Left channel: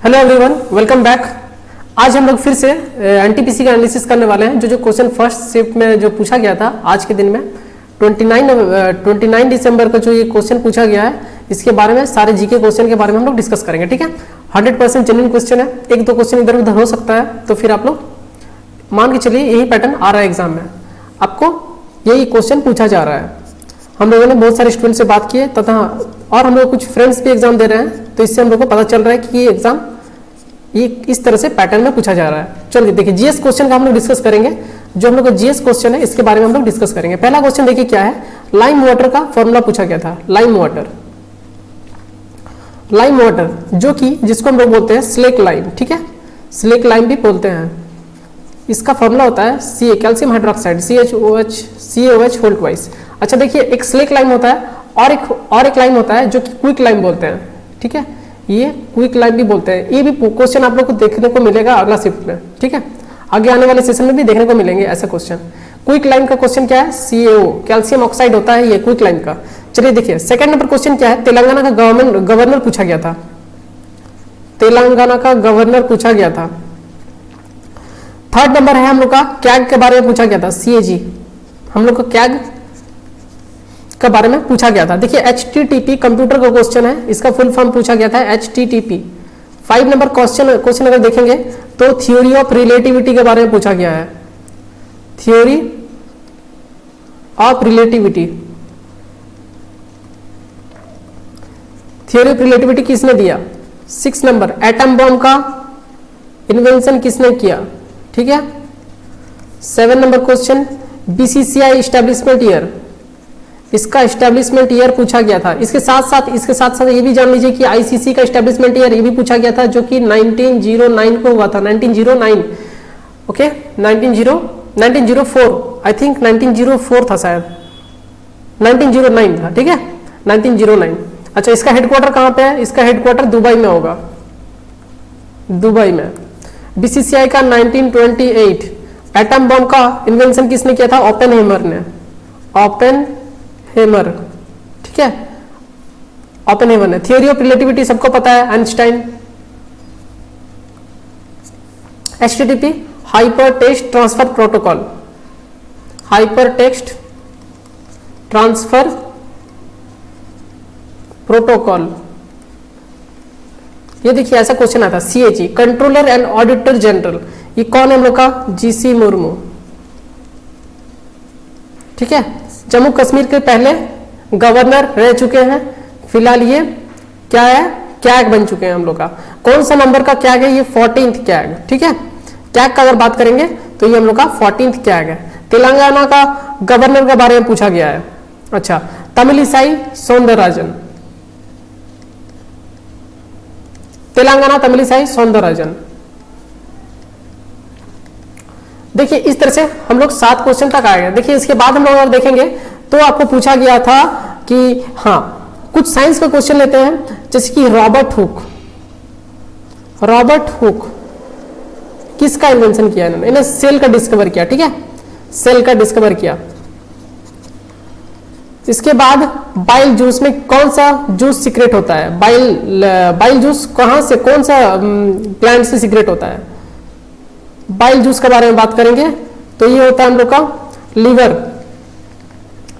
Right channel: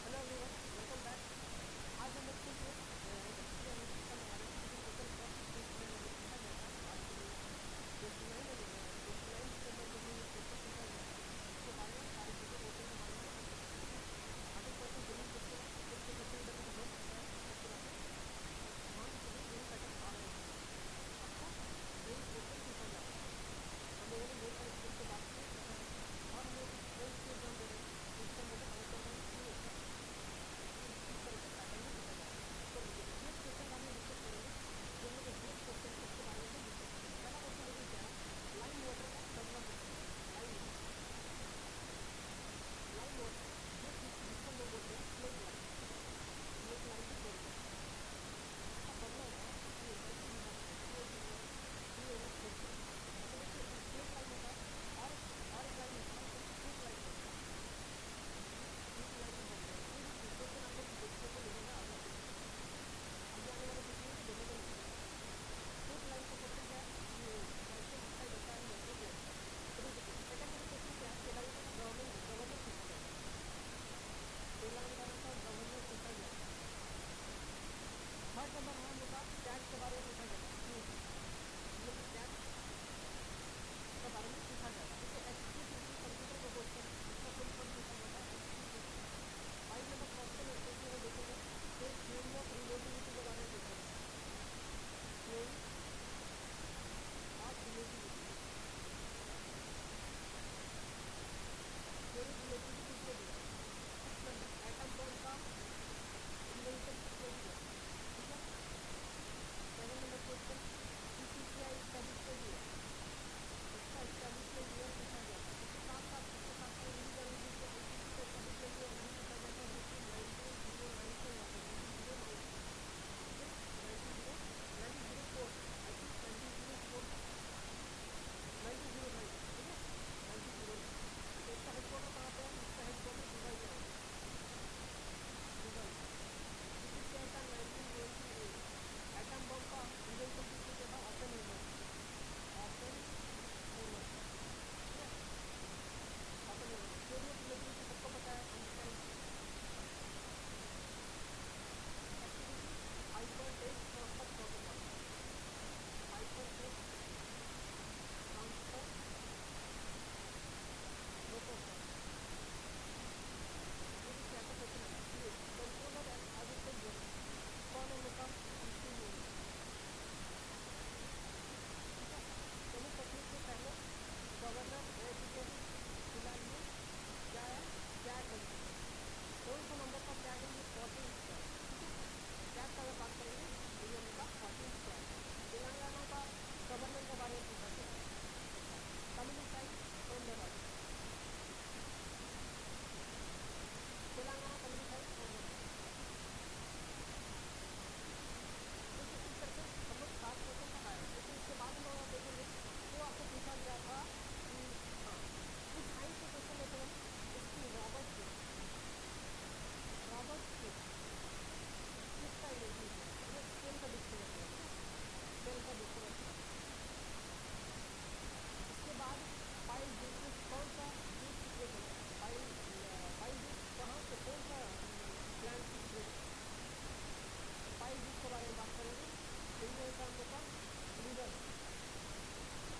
Hello everyone, welcome back. आज हम लोग फिर से एनटीपीसी का एनालिसिस करने वाले हैं। जो क्वेश्चन फर्स्ट शिफ्ट में जो पूछा गया था आज के दिन में 29 दिसंबर को जो ये क्वेश्चन पूछा गया है, इसके बारे में सारे जीके क्वेश्चन के बारे में हम लोग डिस्कस करेंगे। ठीक है, 100% जेन्युइन क्वेश्चन है। एक दो क्वेश्चन इधर उधर हो सकता है, तो फिर आप लोग मान के चलिए यही पैटर्न आ रहा है एग्जाम में, आपको यही क्वेश्चन पूछा जा रहा है। हम लोगों ने बहुत सारे स्टूडेंट से बात की है तथा और हम लोग कुछ फ्रेंड्स भी एग्जाम दे रहे हैं, तो इससे हम लोग को पता चल रहा है कि ये एग्जाम ये इस तरह से पैटर्न में पूछा जा रहा है। चलिए देखिए, जीएस क्वेश्चन का हम लोग डिस्कस करेंगे। जो हम लोग का जीएस क्वेश्चन है इसके बारे में हम लोग डिस्कस करेंगे। पहला क्वेश्चन देखिए क्या है, लाइम वाटर का फॉर्मूला पूछा गया था। लाइम वाटर जो कि जिसको हम लोग बोलते हैं स्लेक लाइम। ठीक है, स्लेक लाइम भी बोलते हैं। इसका फॉर्मूला होता है C calcium hydroxide CaOH whole twice. अच्छा देखिए, एक स्लेक लाइम होता है और एक लाइम होता है जो कि क्विक लाइम बोलते हैं। ठीक है, ये क्विक लाइम भी बोलते हैं। ये भी क्वेश्चन आप लोग को देखने को मिलेगा अगला शिफ्ट में। ठीक है, आगे आने वाले सेशन में भी देखने को मिलेंगे ऐसा क्वेश्चन। क्विक लाइम का क्वेश्चन क्या है, CaO कैल्शियम ऑक्साइड होता है ये क्विक लाइम का। चलिए देखिए, सेकंड नंबर क्वेश्चन क्या है, तेलंगाना का गवर्नर पूछा गया था। तेलंगाना का गवर्नर पूछा गया था। थर्ड नंबर है हम लोग का कैग के बारे में पूछा गया था। CAG हम लोग का कैग के बारे में पूछा गया था। देखिए HTTP कंप्यूटर का क्वेश्चन है, इसका फुल फॉर्म पूछा गया था HTTP। 5 नंबर क्वेश्चन अगर देखेंगे तो थ्योरी ऑफ रिलेटिविटी के बारे में पूछा गया है। थ्योरी ऑफ रिलेटिविटी किसने दिया? 6 नंबर एटम बॉम्ब का इन्वेंशन किसने किया? ठीक है। 7 number question BCCI establishment year, इसका एस्टेब्लिशमेंट ईयर पूछा गया था। इसके साथ साथ ये भी जान लीजिए कि ICC का एस्टेब्लिशमेंट ईयर ये भी पूछा गया था, जो कि 1909 को हुआ था। 1909 ओके, 1904 आई थिंक 1904 था शायद, 1909 था। ठीक है, 1909। अच्छा, इसका हेडक्वार्टर कहाँ पे है? इसका हेडक्वार्टर दुबई में होगा, दुबई में। BCCI का 1928। एटम बम का इन्वेंशन किसने किया था? ओपेनहेमर ने। ओपेनहेमर, ठीक है, ओपेनहेमर ने। थ्योरी ऑफ रिलेटिविटी सबको पता है, Einstein. HTTP hyper text transfer protocol, hyper text transfer protocol. ये देखिए ऐसा क्वेश्चन आता है। CAG controller and auditor general, ये कौन है हम लोग का? GC मुर्मू। ठीक है, जम्मू कश्मीर के पहले गवर्नर रह चुके हैं। फिलहाल ये क्या है, कैग बन चुके हैं हम लोग का। कौन सा नंबर का कैग है? ये 14th कैग। ठीक है, कैग का अगर बात करेंगे तो ये हम लोग का 14th कैग है। तेलंगाना का गवर्नर के बारे में पूछा गया है। अच्छा, तमिलिसाई सौंदरराजन, तेलंगाना तमिलिसाई सौंदरराजन। देखिए इस तरह से हम लोग 7 क्वेश्चन तक आए हैं। देखिए इसके बाद हम लोग अगर देखेंगे तो आपको पूछा गया था कि हाँ, कुछ साइंस का क्वेश्चन लेते हैं, जैसे कि रॉबर्ट हुक किसका इन्वेंशन किया इन्होंने? सेल का डिस्कवर किया। ठीक है, सेल का डिस्कवर किया। इसके बाद बाइल जूस में कौन सा जूस सीक्रेट होता है? बाइल जूस कहां से, कौन सा प्लांट से सीक्रेट होता है? बाइल जूस के बारे में बात करेंगे तो ये होता है हम लोग का लीवर।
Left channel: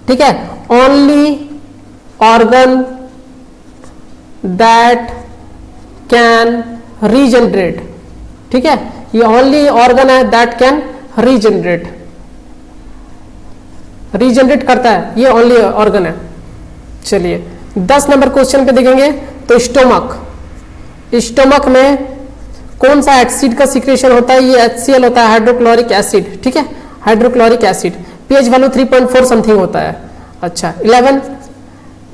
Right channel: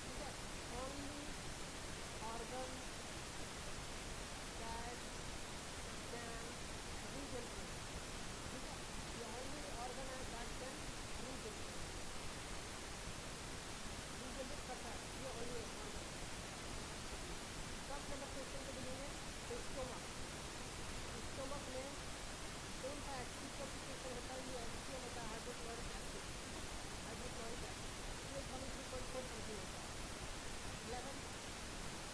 ठीक है, only organ that can regenerate. ठीक है, ये ओनली ऑर्गन है दैट कैन रीजनरेट करता है, ये ओनली ऑर्गन है। चलिए 10 नंबर क्वेश्चन पे देखेंगे तो स्टोमक में कौन सा एसिड का सिक्रेशन होता है? ये HCl होता है, हाइड्रोक्लोरिक एसिड। ठीक है, hydrochloric acid. pH value 3.4 something होता है। अच्छा 11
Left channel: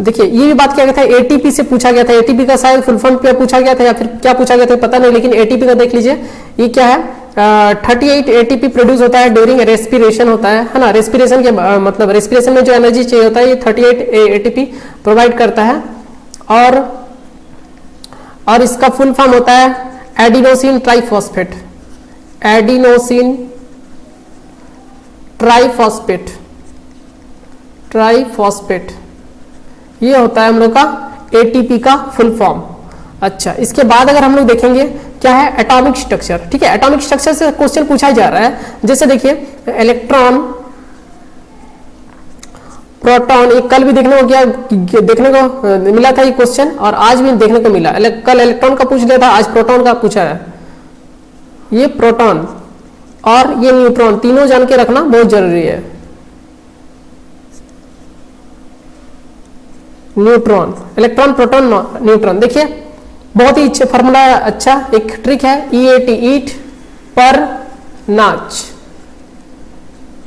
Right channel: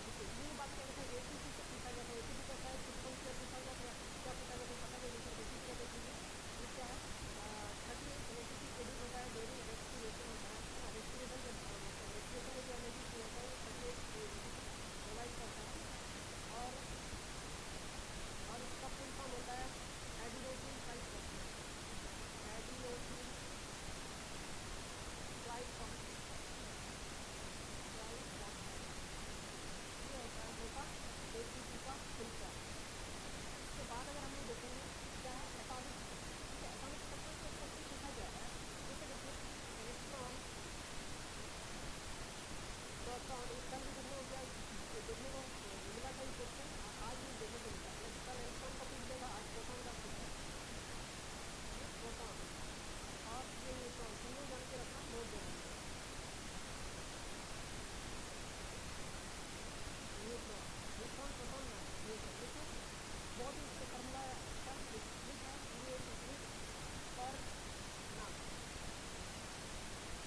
देखिए, ये भी बात किया गया था, ATP से पूछा गया था। ATP का शायद फुल फॉर्म क्या पूछा गया था या फिर क्या पूछा गया था पता नहीं, लेकिन ATP का देख लीजिए। ये क्या है, 38 ATP प्रोड्यूस होता है ड्यूरिंग रेस्पिरेशन होता है ना। रेस्पिरेशन के मतलब रेस्पिरेशन में जो एनर्जी चाहिए होता है ये 38 ATP प्रोवाइड करता है। और इसका फुल फॉर्म होता है एडिनोसिन ट्राइफॉस्फेट। एडिनोसिन ट्राइफॉस्फेट ये होता है हम लोग का ATP का फुल फॉर्म। अच्छा, इसके बाद अगर हम लोग देखेंगे क्या है एटॉमिक स्ट्रक्चर। ठीक है, एटॉमिक स्ट्रक्चर से क्वेश्चन पूछा जा रहा है। जैसे देखिए इलेक्ट्रॉन, प्रोटॉन, ये कल भी देखने को मिला था ये क्वेश्चन, और आज भी देखने को मिला। कल इलेक्ट्रॉन का पूछ लिया था, आज प्रोटॉन का पूछा है। ये प्रोटॉन और ये न्यूट्रॉन तीनों जान के रखना बहुत जरूरी है। Neutron, electron, proton, neutron. देखिए बहुत ही अच्छा फॉर्मूला, अच्छा एक ट्रिक है, EAT, ईट पर नाच।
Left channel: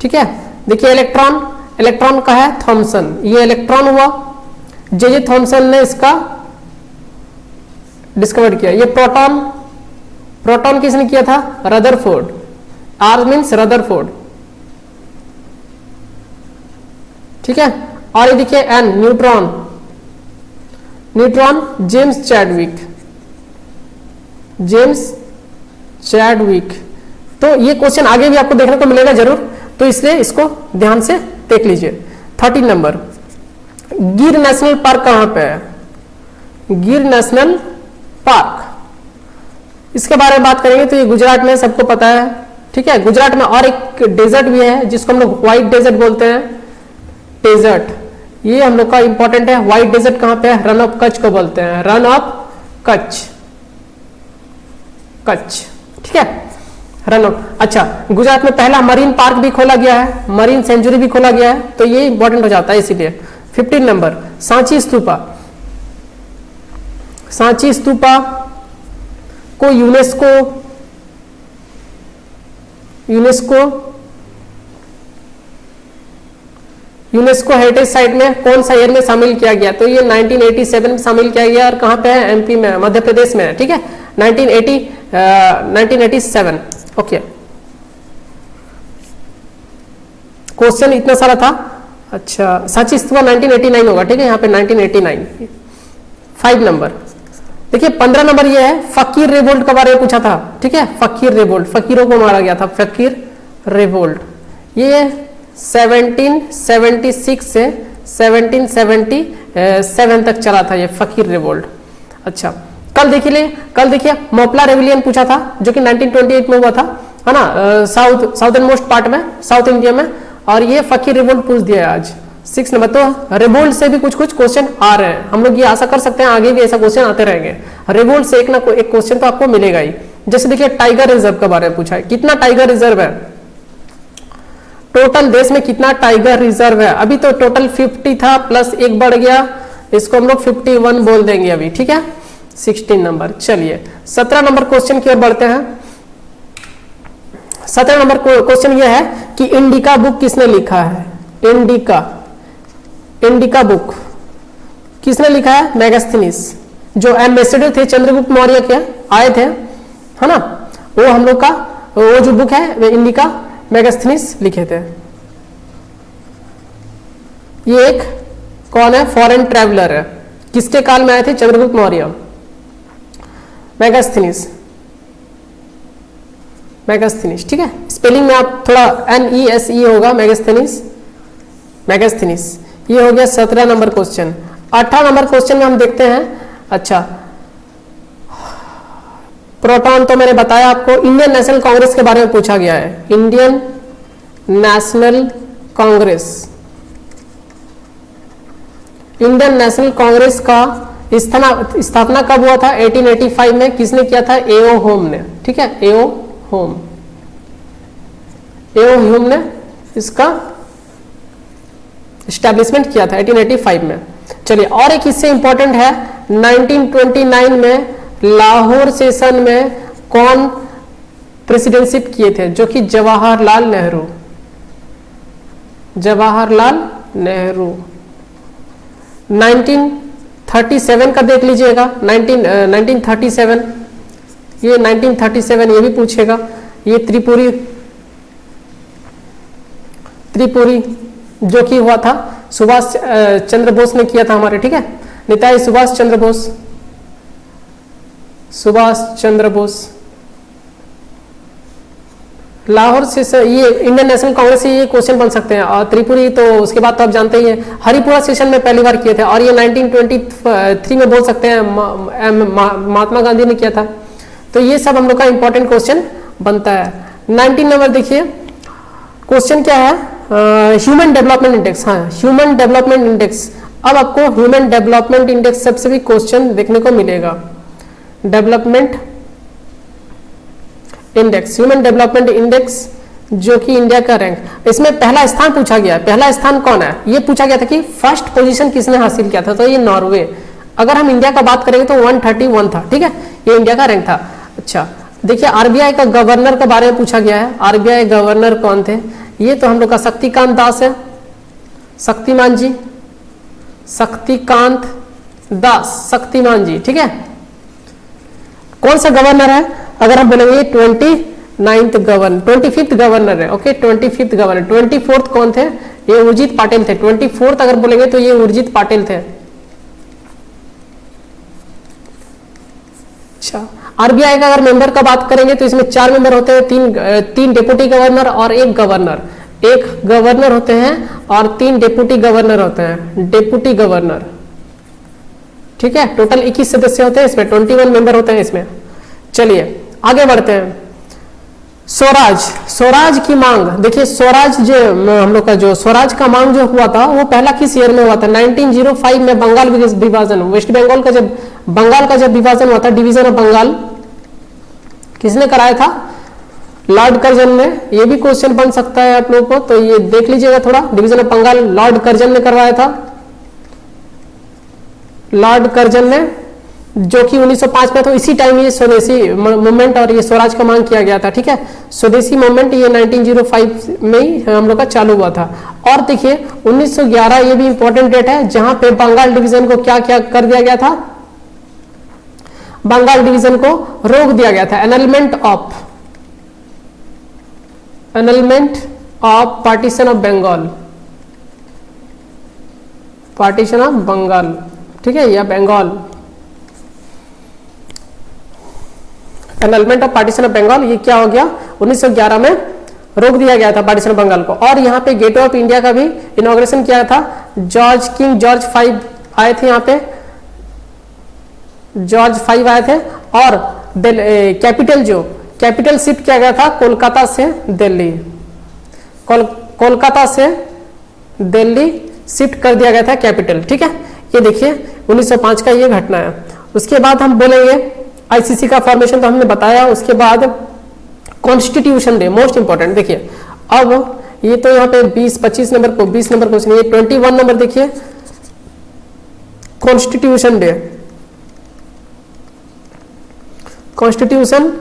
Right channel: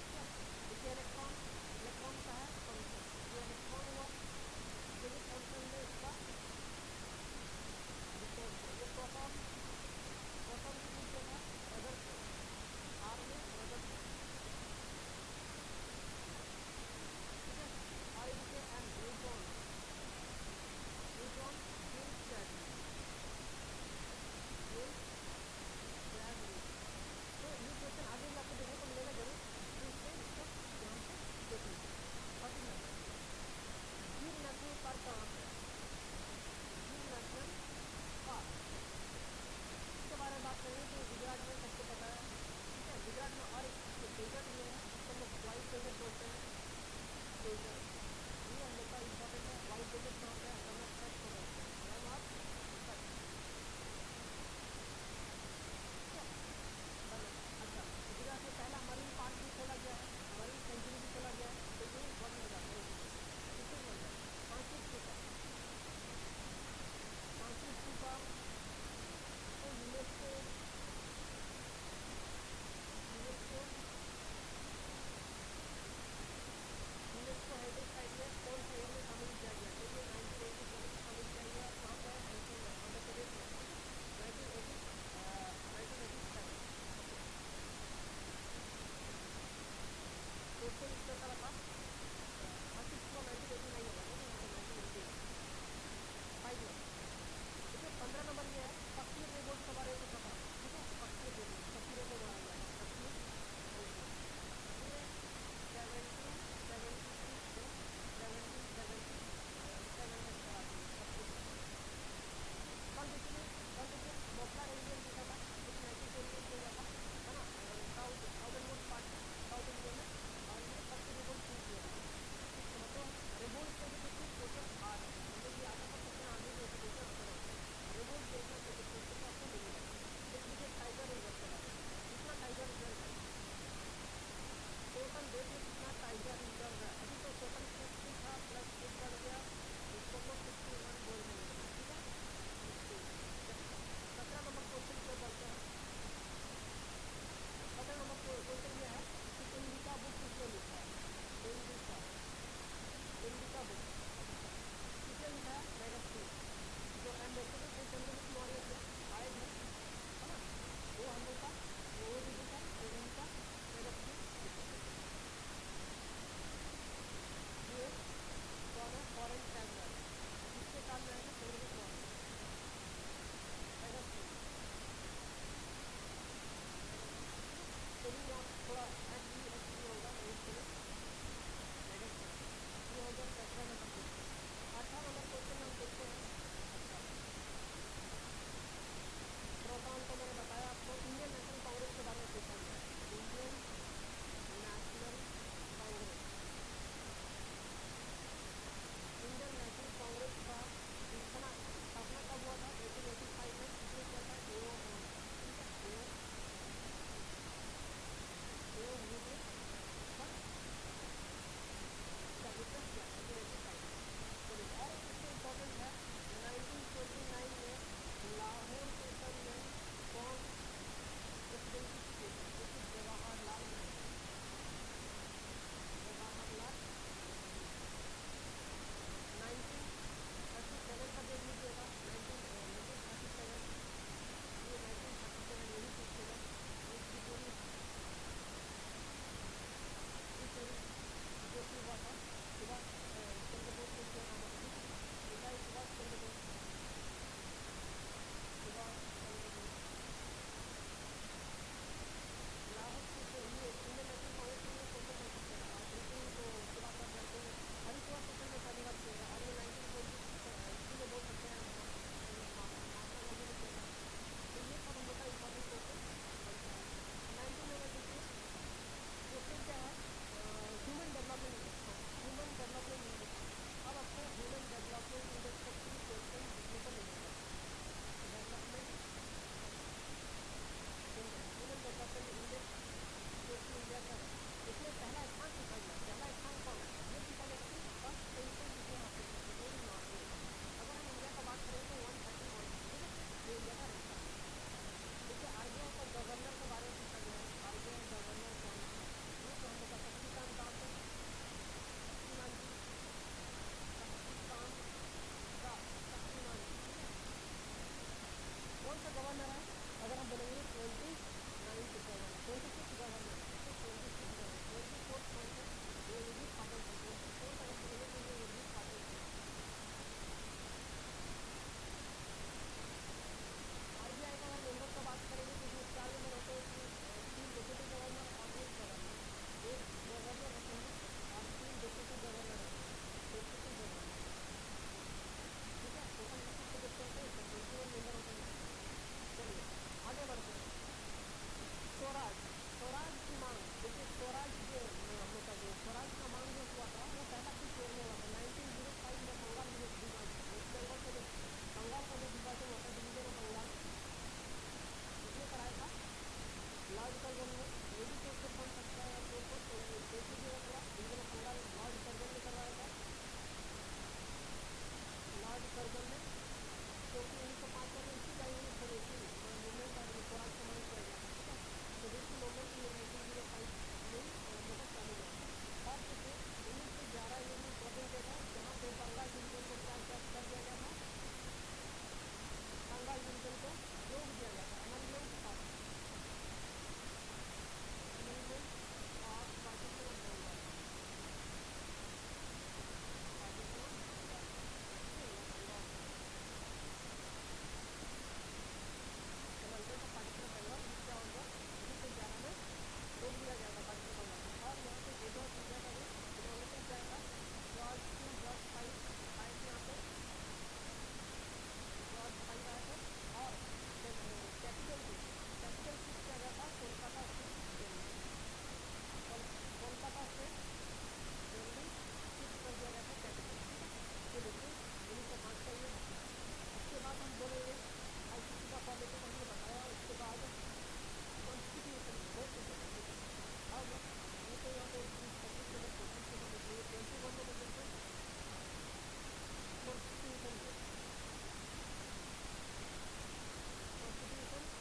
ठीक है, देखिए इलेक्ट्रॉन, इलेक्ट्रॉन का है थॉमसन, ये इलेक्ट्रॉन हुआ, जे थॉमसन ने इसका डिस्कवर किया। ये प्रोटॉन, प्रोटॉन किसने किया था? Rutherford, R means Rutherford. ठीक है, और ये देखिए N, neutron, neutron James Chadwick, James Chadwick. तो ये क्वेश्चन आगे भी आपको देखने को मिलेगा जरूर, तो इसलिए इसको ध्यान से देख लीजिए। 13 नंबर, गिर नेशनल पार्क कहां पे है? गिर नेशनल पार्क, इसके बारे में बात करेंगे तो ये गुजरात में, सबको पता है। ठीक है, गुजरात में और एक डेजर्ट भी है जिसको हम लोग व्हाइट डेजर्ट बोलते हैं, डेजर्ट, ये हम लोग का इंपॉर्टेंट है। व्हाइट डेजर्ट कहां पे है? रन ऑफ कच्छ को बोलते हैं, रन ऑफ कच्छ, कच्छ। ठीक है, रन ऑफ। अच्छा, गुजरात में पहला मरीन पार्क भी खोला गया है, मरीन सेंचुरी भी खोला गया है, तो ये इंपॉर्टेंट हो जाता है इसीलिए। 15 नंबर, सांची स्तूपा, सांची स्तूपा को UNESCO, UNESCO, UNESCO heritage site में कौन सा ईयर में शामिल किया गया? तो ये 1987 में शामिल किया गया, और कहां पे है? MP में, मध्य प्रदेश में है। ठीक है, 1987। ओके, क्वेश्चन इतना सारा था। अच्छा, सांची स्तूपा 1989 होगा। ठीक है, यहाँ पे 1989। 5 नंबर, देखिए 15 नंबर ये है, फकीर रिवोल्ट के बारे में पूछा था। ठीक है, फकीर रिवोल्ट, फकीरों को मारा गया था, फकीर रिवोल्ट। ये 1776 से 1777 तक चला था ये फकीर रिवोल्ट। अच्छा, कल देखिए मोपला रेविलियन पूछा था, जो कि 1928 में हुआ था, है ना, साउथर्न मोस्ट पार्ट में, साउथ इंडिया में। और ये फकीर रिवोल्ट पूछ दिया आज 6 नंबर। तो रिवोल्ट से भी कुछ क्वेश्चन आ रहे हैं, हम लोग ये आशा कर सकते हैं आगे भी ऐसा क्वेश्चन आते रहेंगे। रिवोल्ट से एक ना एक क्वेश्चन तो आपको मिलेगा ही। जैसे देखिए टाइगर रिजर्व के बारे में पूछा है, कितना टाइगर रिजर्व है? टोटल देश में कितना टाइगर रिजर्व है? अभी तो टोटल 50 था, प्लस एक बढ़ गया, इसको हम लोग 51 बोल देंगे अभी। ठीक है, 16 नंबर। चलिए 17 नंबर क्वेश्चन की ओर बढ़ते हैं। 17 नंबर क्वेश्चन यह है कि इंडिका बुक किसने लिखा है? इंडिका, इंडिका बुक किसने लिखा है? मेगास्थनीज, जो एम्बेसडर थे चंद्रगुप्त मौर्य के, आए थे, है ना, वो हम लोग का वो जो बुक है वो इंडिका मेगास्थनीज लिखे थे। ये एक कौन है? फॉरेन ट्रैवलर है, किसके काल में आए थे? चंद्रगुप्त मौर्य। मेगास्थनीज, मेगास्थनीज। ठीक है, स्पेलिंग में आप थोड़ा NESE होगा, मेगास्थनीज, मेगास्थनीज। ये हो गया 17 नंबर क्वेश्चन। 18 नंबर क्वेश्चन में हम देखते हैं। अच्छा, प्रोटॉन तो मैंने बताया आपको। इंडियन नेशनल कांग्रेस के बारे में पूछा गया है, Indian national Congress. Indian national Congress का स्थापना कब हुआ था? 1885 में। किसने किया था? A.O. होम ने। ठीक है, A.O. Home, A.O. होम ने इसका स्टैब्लिशमेंट किया था 1885 में। चलिए, और एक इससे इंपॉर्टेंट है, 1929 में लाहौर सेशन में कौन प्रेसिडेंटशिप किए थे? जो कि जवाहरलाल नेहरू, जवाहरलाल नेहरू। 1937 का देख लीजिएगा, 1937, ये 1937 ये भी पूछेगा। ये त्रिपुरी, त्रिपुरी जो कि हुआ था सुभाष चंद्र बोस ने किया था हमारे। ठीक है, नेताजी सुभाष चंद्र बोस, सुभाष चंद्र बोस। लाहौर से ये इंडियन नेशनल कांग्रेस से ये क्वेश्चन बन सकते हैं, और त्रिपुरी तो उसके बाद तो आप जानते ही हैं। हरिपुरा सेशन में पहली बार किए थे, और ये 1923 में बोल सकते हैं महात्मा गांधी ने किया था। तो ये सब हम लोग का इंपॉर्टेंट क्वेश्चन बनता है। 19 नंबर देखिए, क्वेश्चन क्या है, ह्यूमन डेवलपमेंट इंडेक्स। हाँ, ह्यूमन डेवलपमेंट इंडेक्स। अब आपको ह्यूमन डेवलपमेंट इंडेक्स सबसे भी क्वेश्चन देखने को मिलेगा। Development index, human development index जो कि इंडिया का रैंक, इसमें पहला स्थान पूछा गया। पहला स्थान कौन है, ये पूछा गया था कि फर्स्ट पोजीशन किसने हासिल किया था, तो ये नॉर्वे। अगर हम इंडिया का बात करेंगे तो 131 था, ठीक है, ये इंडिया का रैंक था। अच्छा देखिए, आरबीआई का गवर्नर के बारे में पूछा गया है। आरबीआई गवर्नर कौन थे, ये तो हम लोग का शक्तिकांत दास है, शक्तिमान जी, शक्तिकांत दास, शक्तिमान जी, ठीक है। कौन सा गवर्नर है, अगर हम बोलेंगे 25th गवर्नर है, ओके, 25th गवर्नर। 24th कौन थे, ये उर्जित पाटिल थे। 24th अगर बोलेंगे तो ये उर्जित पाटिल थे। अच्छा, आरबीआई का अगर मेंबर का बात करेंगे तो इसमें 4 मेंबर होते हैं, तीन डेप्यूटी गवर्नर और एक गवर्नर। एक गवर्नर होते हैं और 3 डेप्यूटी गवर्नर होते हैं, डेप्यूटी गवर्नर, ठीक है। टोटल 21 सदस्य होते हैं इसमें, 21 मेंबर होते हैं इसमें। चलिए आगे बढ़ते हैं। स्वराज, स्वराज की मांग देखिए, स्वराज जो हम लोग का जो स्वराज का मांग जो हुआ था वो पहला किस ईयर में हुआ था, 1905 में। बंगाल विभाजन, वेस्ट बंगाल का जब विभाजन हुआ था, डिवीजन ऑफ बंगाल, किसने कराया था, लॉर्ड कर्जन ने। ये भी क्वेश्चन बन सकता है आप लोगों को, तो ये देख लीजिएगा थोड़ा। Division of Bengal Lord Curzon ने करवाया था, लॉर्ड कर्जन ने, जो कि 1905 में। तो इसी टाइम ये स्वदेशी मूवमेंट और ये स्वराज का मांग किया गया था, ठीक है। स्वदेशी मूवमेंट ये 1905 में ही हम लोग का चालू हुआ था। और देखिए 1911 ये भी इंपॉर्टेंट डेट है, जहां पे बंगाल डिवीजन को क्या क्या कर दिया गया था, बंगाल डिवीजन को रोक दिया गया था। Annulment of partition of Bengal, partition of Bengal, ठीक है, या Bengal, annulment of partition of Bengal, ये क्या हो गया, 1911 में रोक दिया गया था पार्टीशन ऑफ बंगाल को। और यहाँ पे गेटवे ऑफ इंडिया का भी इनॉग्रेशन किया था। किंग जॉर्ज 5 आए थे यहाँ पे, जॉर्ज 5 आए थे। और कैपिटल शिफ्ट किया गया था कोलकाता से दिल्ली, कोलकाता से दिल्ली शिफ्ट कर दिया गया था कैपिटल, ठीक है। ये देखिए 1905 का ये घटना है। उसके बाद हम बोलेंगे आईसीसी का फॉर्मेशन तो हमने बताया। उसके बाद कॉन्स्टिट्यूशन डे, मोस्ट इंपॉर्टेंट। देखिए अब ये तो यहाँ पे 20-25 नंबर को 20 नंबर क्वेश्चन, ये 21 नंबर देखिए, कॉन्स्टिट्यूशन डे। कॉन्स्टिट्यूशन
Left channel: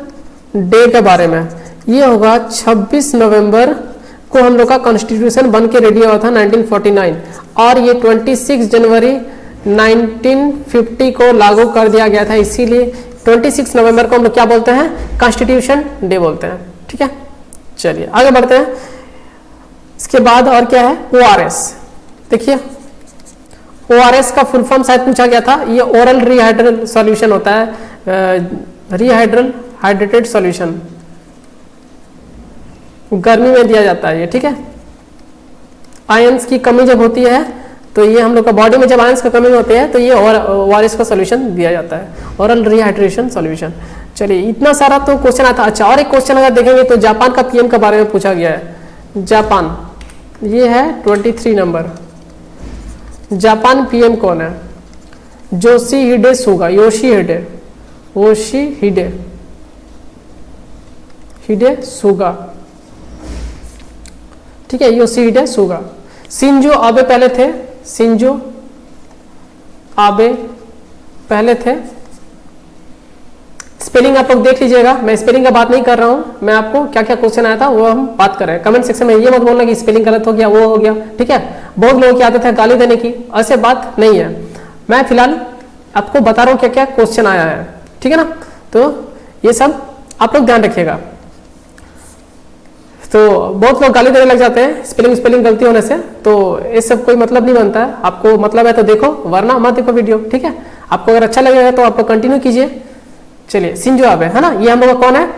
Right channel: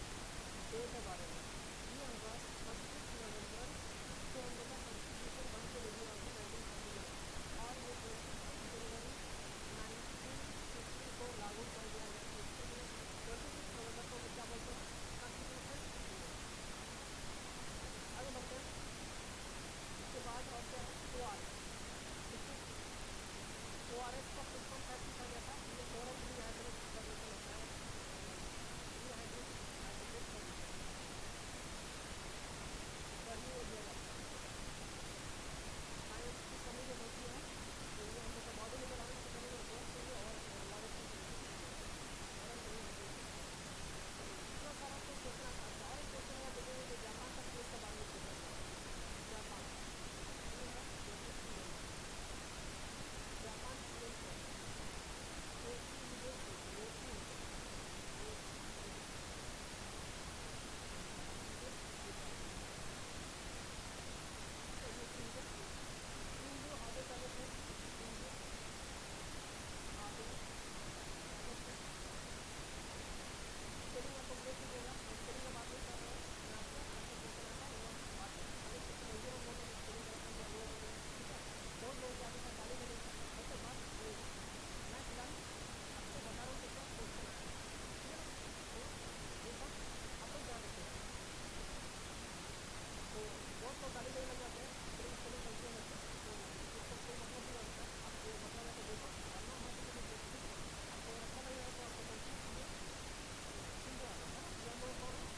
डे के बारे में ये होगा 26 नवंबर को हम लोग का कॉन्स्टिट्यूशन बन के रेडी हुआ था 1949, और ये 26 जनवरी 1950 को लागू कर दिया गया था। इसीलिए 26 नवंबर को हम लोग क्या बोलते हैं, कॉन्स्टिट्यूशन डे बोलते हैं, ठीक है। चलिए आगे बढ़ते हैं। इसके बाद और क्या है, ORS। देखिए ORS का फुल फॉर्म शायद पूछा गया था, ये ओरल रीहाइड्रल सॉल्यूशन होता है, हाइड्रेटेड सॉल्यूशन, गर्मी में दिया जाता है ये, ठीक है। आयंस की कमी जब होती है तो ये हम लोग का बॉडी में जब आयंस की कमी होती है तो ये ORS का सॉल्यूशन दिया जाता है, ओरल रिहाइड्रेशन सॉल्यूशन। चलिए इतना सारा तो क्वेश्चन आता है। अच्छा, और एक क्वेश्चन अगर देखेंगे तो जापान का PM के बारे में पूछा गया है। जापान, ये है 23 नंबर। जापान PM कौन है, योशिहिडे सुगा, योशिहिडे सुगा, ठीक है, योशिहिडे सुगा। शिंजो आबे पहले थे, शिंजो आबे पहले थे। स्पेलिंग आप लोग देख लीजिएगा, मैं स्पेलिंग का बात नहीं कर रहा हूं, मैं आपको क्या क्या क्वेश्चन आया था वो हम बात कर रहे हैं। कमेंट सेक्शन में ये मत बोलना कि स्पेलिंग गलत हो गया, वो हो गया, ठीक है। बहुत लोगों की आदत है गाली देने की, ऐसे बात नहीं है। मैं फिलहाल आपको बता रहा हूं क्या क्या क्वेश्चन आया है, ठीक है ना। तो ये सब आप लोग ध्यान रखिएगा। तो बहुत लोग गाली देने लग जाते हैं स्पेलिंग गलती होने से, तो ये सब कोई मतलब नहीं बनता है। आपको मतलब है तो देखो, वरना मत देखो वीडियो, ठीक है। आपको अगर अच्छा लगेगा तो आप कंटिन्यू कीजिए। चलिए शिंजो आबे है ना, ये हम लोग का कौन है,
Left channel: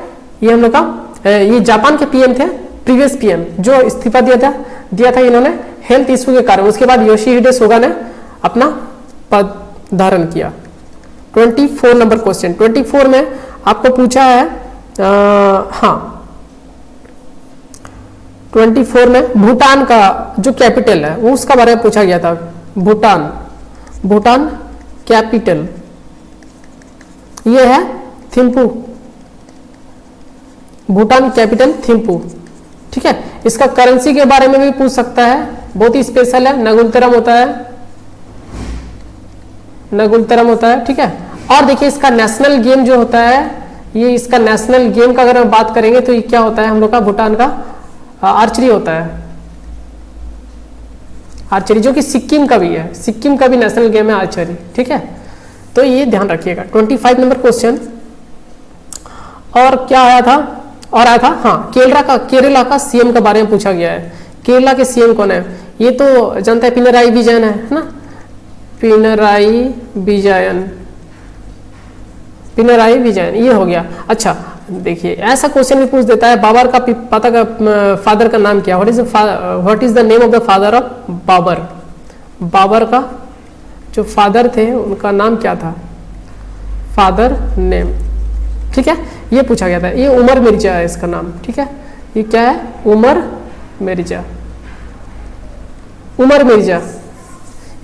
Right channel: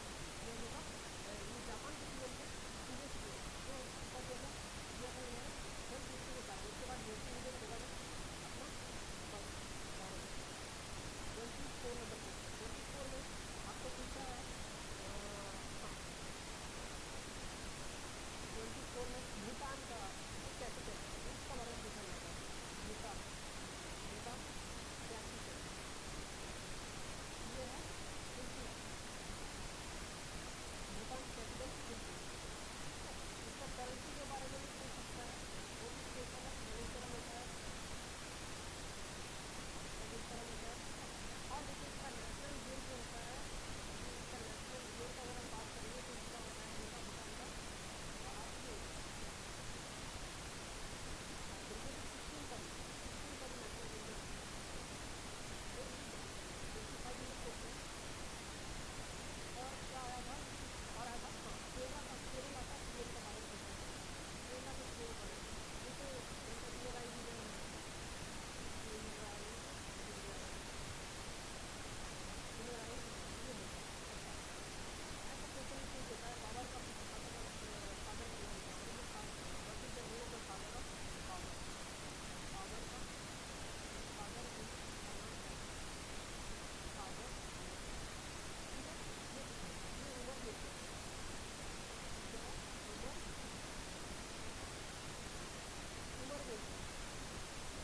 ये हम लोग का ये जापान के पीएम थे, प्रीवियस पीएम जो इस्तीफा दिया था इन्होंने हेल्थ इशू के कारण। उसके बाद योशिहिडे सुगा ने अपना पद धारण किया। 24 नंबर क्वेश्चन, 24 में आपको पूछा है, हाँ 24 में भूटान का जो कैपिटल है वो उसका बारे में पूछा गया था। भूटान कैपिटल ये है थिम्पू, भूटान कैपिटल थिम्पू, ठीक है। इसका करेंसी के बारे में भी पूछ सकता है, बहुत ही स्पेशल है, नगुलतरम होता है, नगुलतरम होता है, ठीक है। और देखिए इसका नेशनल गेम जो होता है, ये इसका नेशनल गेम का अगर हम बात करेंगे तो ये क्या होता है हम लोग का, भूटान का आर्चरी होता है, आर्चरी जो कि सिक्किम का भी है, सिक्किम का भी नेशनल गेम है आर्चरी, ठीक है। तो ये ध्यान रखिएगा। 25 नंबर क्वेश्चन और क्या आया था, और आया था हाँ केरला का सीएम के बारे में पूछा गया है। केरला के सीएम कौन है, ये तो जानते हैं पिनराई विजयन है ना, पिनराई विजयन ये हो गया। अच्छा देखिए ऐसा क्वेश्चन भी पूछ देता है, बाबर का पता का फादर का नाम क्या, what is the name of the father of Babar, Babar का जो फादर थे उनका नाम क्या था, फादर नेम, ठीक है, ये पूछा गया था। ये उमर मिर्जा है इसका नाम, ठीक है, ये क्या है, उमर मिर्जा,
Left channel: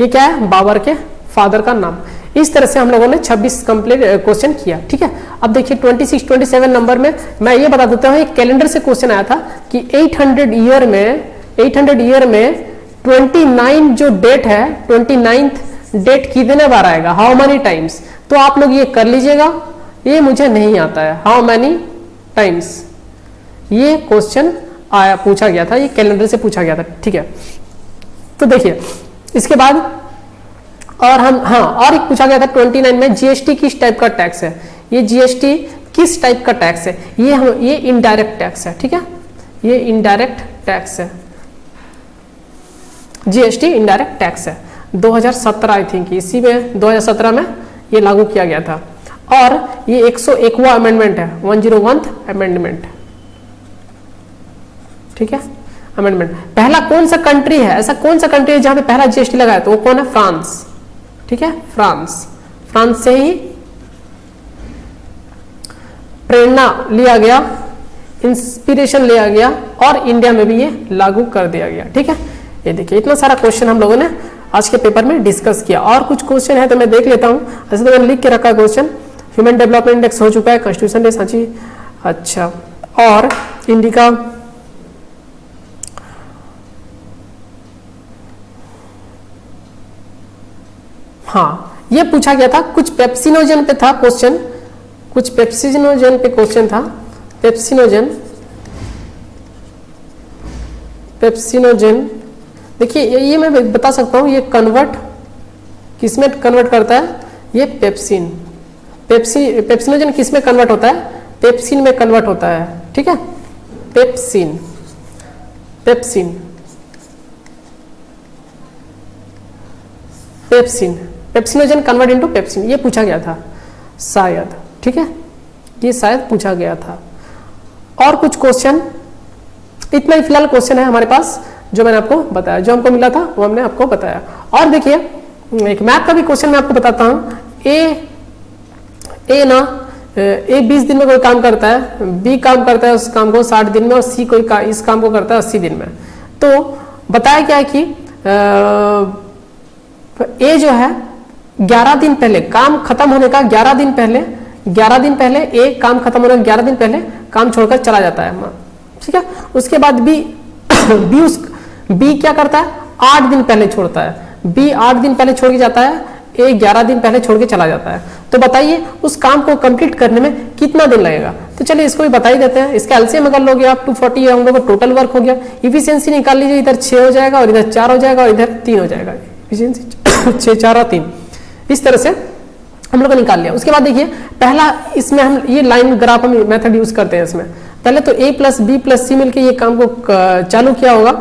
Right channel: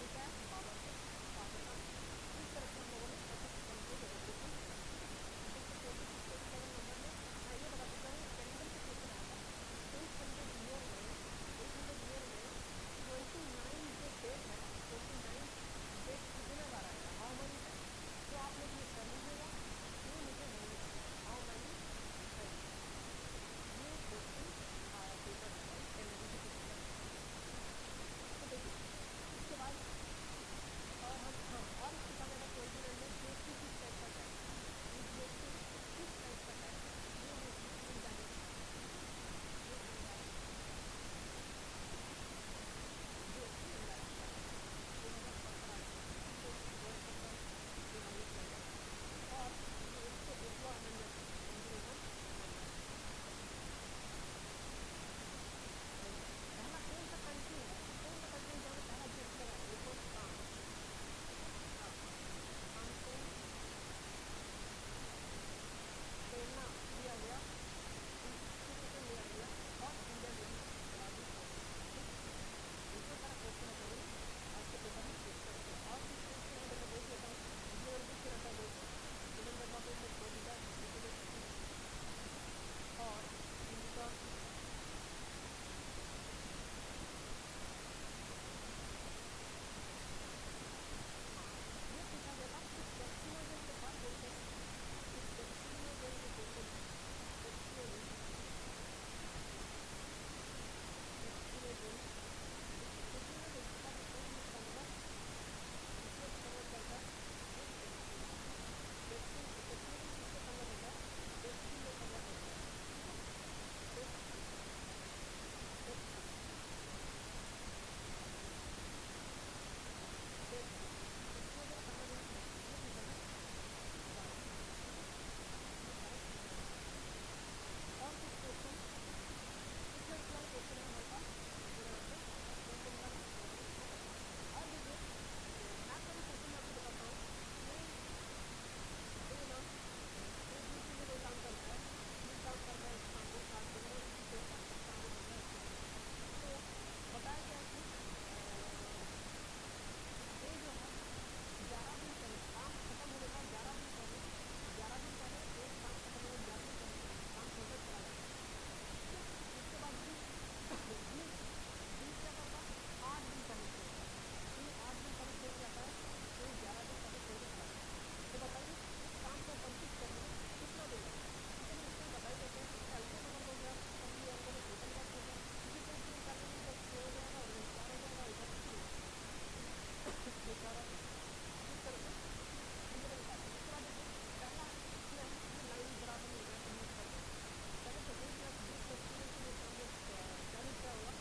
ये क्या है, बाबर के फादर का नाम। इस तरह से हम लोगों ने 26 कंप्लीट क्वेश्चन किया, ठीक है। अब देखिए 26 27 नंबर में मैं ये बता देता हूँ, एक कैलेंडर से क्वेश्चन आया था कि 800 ईयर में 29 जो डेट है, 29th डेट कितने बार आएगा, हाउ मेनी टाइम्स। तो आप लोग ये कर लीजिएगा, ये मुझे नहीं आता है, हाउ मेनी टाइम्स, ये क्वेश्चन आया पूछा गया था, ये कैलेंडर से पूछा गया था, ठीक है। तो देखिए इसके बाद और हम और एक पूछा गया था 29 में जीएसटी किस टाइप का टैक्स है, ये जीएसटी किस टाइप का टैक्स है, ये इनडायरेक्ट टैक्स है, ठीक है, ये इनडायरेक्ट टैक्स है, जीएसटी इनडायरेक्ट टैक्स है। 2017 आई थिंक इसी में 2017 में ये लागू किया गया था और ये 101वां अमेंडमेंट है, 101th अमेंडमेंट, ठीक है, अमेंडमेंट। पहला कौन सा कंट्री है, ऐसा कौन सा कंट्री है जहां पे पहला जीएसटी लगाया तो वो कौन है, फ्रांस, ठीक है, फ्रांस से ही प्रेरणा लिया गया, इंस्पिरेशन लिया गया और इंडिया में भी ये लागू कर दिया गया, ठीक है। ये देखिए इतना सारा क्वेश्चन हम लोगों ने आज के पेपर में डिस्कस किया। और कुछ क्वेश्चन है तो मैं देख लेता हूं, ऐसे तो मैंने लिख के रखा है क्वेश्चन। ह्यूमन डेवलपमेंट इंडेक्स हो चुका है, कॉन्स्टिट्यूशन डे सांची, अच्छा, और इंडिका, हाँ ये पूछा गया था, कुछ पेप्सिनोजन पे था क्वेश्चन, कुछ पेप्सिनोजन पे क्वेश्चन था, पेप्सिनोजन देखिए ये मैं बता सकता हूँ, ये कन्वर्ट किसमें कन्वर्ट करता है, ये पेप्सिनोजन किसमें कन्वर्ट होता है, पेप्सिन में कन्वर्ट होता है, ठीक है, पेप्सिनोजन कन्वर्ट इनटू पेप्सिन, ये पूछा गया था शायद, ठीक है, ये शायद पूछा गया था। और कुछ क्वेश्चन, इतना ही फिलहाल क्वेश्चन है हमारे पास जो मैंने आपको बताया, जो हमको मिला था वो हमने आपको बताया। और देखिए एक मैथ का भी क्वेश्चन मैं आपको बताता हूँ। ए 20 दिन में कोई काम करता है, बी काम करता है उस काम को 60 दिन में और सी इस काम को करता है 80 दिन में। तो बताया क्या है कि ए जो है 11 दिन पहले काम खत्म होने का 11 दिन पहले ए काम खत्म होने का 11 दिन पहले काम छोड़कर चला जाता है, ठीक है। उसके बाद बी क्या करता है, 8 दिन पहले छोड़ता है, बी 8 दिन पहले छोड़ के जाता है, ए 11 दिन पहले छोड़ के चला जाता है। तो बताइए उस काम को कंप्लीट करने में कितना दिन लगेगा। तो चलिए इसको भी बता ही देते हैं। इसका एलसीएम अगर लोगे आप 240 हम लोग टोटल वर्क हो गया। इफिशियंसी निकाल लीजिए, इधर 6 हो जाएगा और इधर 4 हो जाएगा और इधर 3 हो जाएगा। इफिशियंसी 6 4 और 3 इस तरह से हम लोग निकाल लिया। उसके बाद देखिए पहला इसमें हम ये लाइन ग्राफ हम मेथड यूज करते हैं। इसमें पहले तो ए प्लस बी प्लस सी मिलकर ये काम को चालू किया होगा,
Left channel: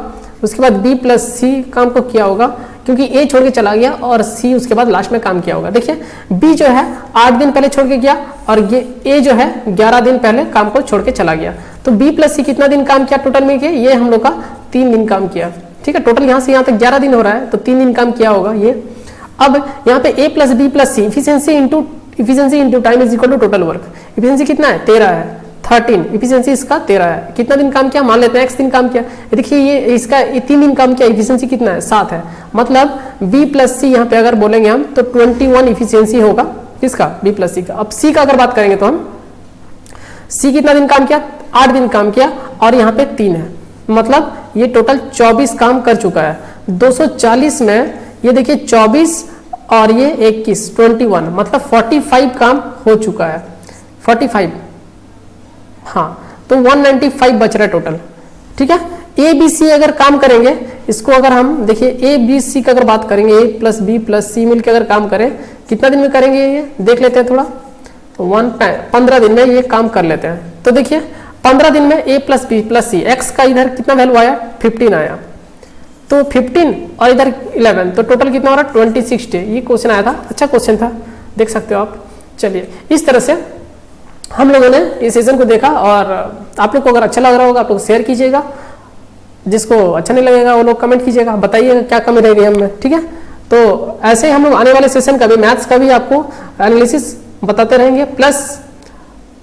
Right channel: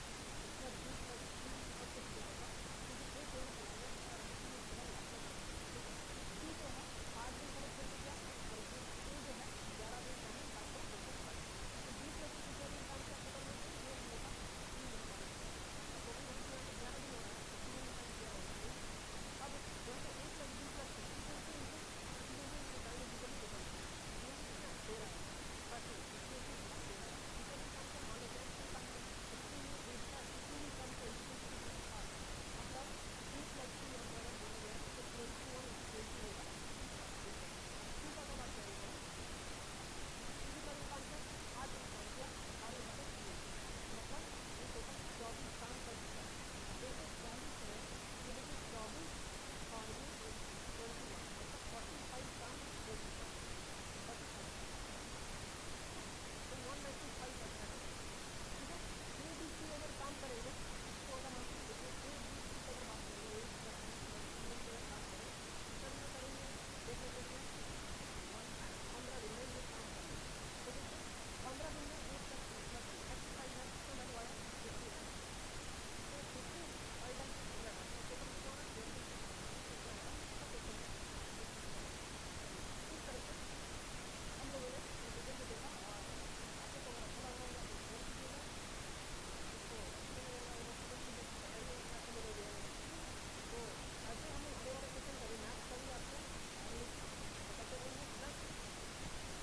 उसके बाद बी प्लस सी काम को किया होगा क्योंकि ए छोड़ के चला गया और सी उसके बाद लास्ट में काम किया होगा। देखिए बी जो है 8 दिन पहले छोड़ के गया और ये ए जो है 11 दिन पहले काम को छोड़ के चला गया। तो बी प्लस सी कितना दिन काम किया टोटल में किया, ये हम लोग का 3 दिन काम किया, ठीक है। टोटल यहाँ से यहाँ तक 11 दिन हो रहा है, तो 3 दिन काम किया होगा ये। अब यहाँ पे A plus B plus C, efficiency into time is equal to total work. Efficiency कितना है 13 है, 13 इफिशियंसी इसका 13 है। कितना दिन काम किया, मान लेते हैं x दिन काम किया, देखिए ये इसका 3 दिन काम किया, इफिशियंसी कितना है 7 है। मतलब b प्लस सी यहाँ पे अगर बोलेंगे हम तो 21 इफिशियंसी होगा किसका, b प्लस सी का। अब c का अगर बात करेंगे तो हम c कितना दिन काम किया, 8 दिन काम किया, और यहाँ पे 3 है, मतलब ये टोटल 24 काम कर चुका है। 240 में ये देखिए 24 और ये 21 21, मतलब 45 काम हो चुका है, 45, हाँ, तो 195 बच रहा है टोटल, ठीक है। ए बी सी अगर काम करेंगे, इसको अगर हम देखिए ए बी सी का अगर बात करेंगे, ए प्लस बी प्लस सी मिलकर अगर काम करें, कितना दिन में करेंगे ये देख लेते हैं थोड़ा, तो 15 दिन में ये काम कर लेते हैं। तो देखिए 15 दिन में ए प्लस बी प्लस सी, एक्स का इधर कितना वैल्यू आया 15 आया, तो 15 और इधर 11, तो टोटल कितना हो रहा है 26 डे। ये क्वेश्चन आया था, अच्छा क्वेश्चन था, देख सकते हो आप। चलिए इस तरह से हम लोगों ने इस सेशन को देखा, और आप लोग को अगर अच्छा लग रहा होगा आप लोग शेयर कीजिएगा, जिसको अच्छा नहीं लगेगा वो लोग कमेंट कीजिएगा, बताइएगा क्या कमी रह गई हमें, ठीक है। तो ऐसे हम लोग आने वाले सेशन का भी, मैथ्स का भी आपको एनालिसिस बताते रहेंगे, प्लस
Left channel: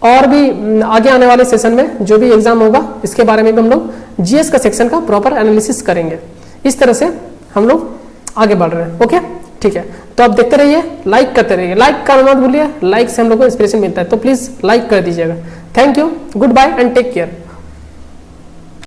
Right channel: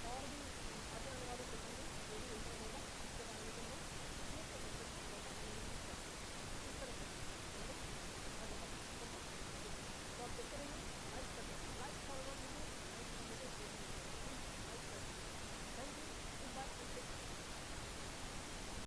और भी आगे आने वाले सेशन में जो भी एग्जाम होगा इसके बारे में भी हम लोग जीएस का सेक्शन का प्रॉपर एनालिसिस करेंगे। इस तरह से हम लोग आगे बढ़ रहे हैं, ओके, ठीक है। तो आप देखते रहिए, लाइक करते रहिए, लाइक करना मत भूलिए, लाइक से हम लोग को इंस्पिरेशन मिलता है, तो प्लीज लाइक कर दीजिएगा। Thank you, goodbye and take care.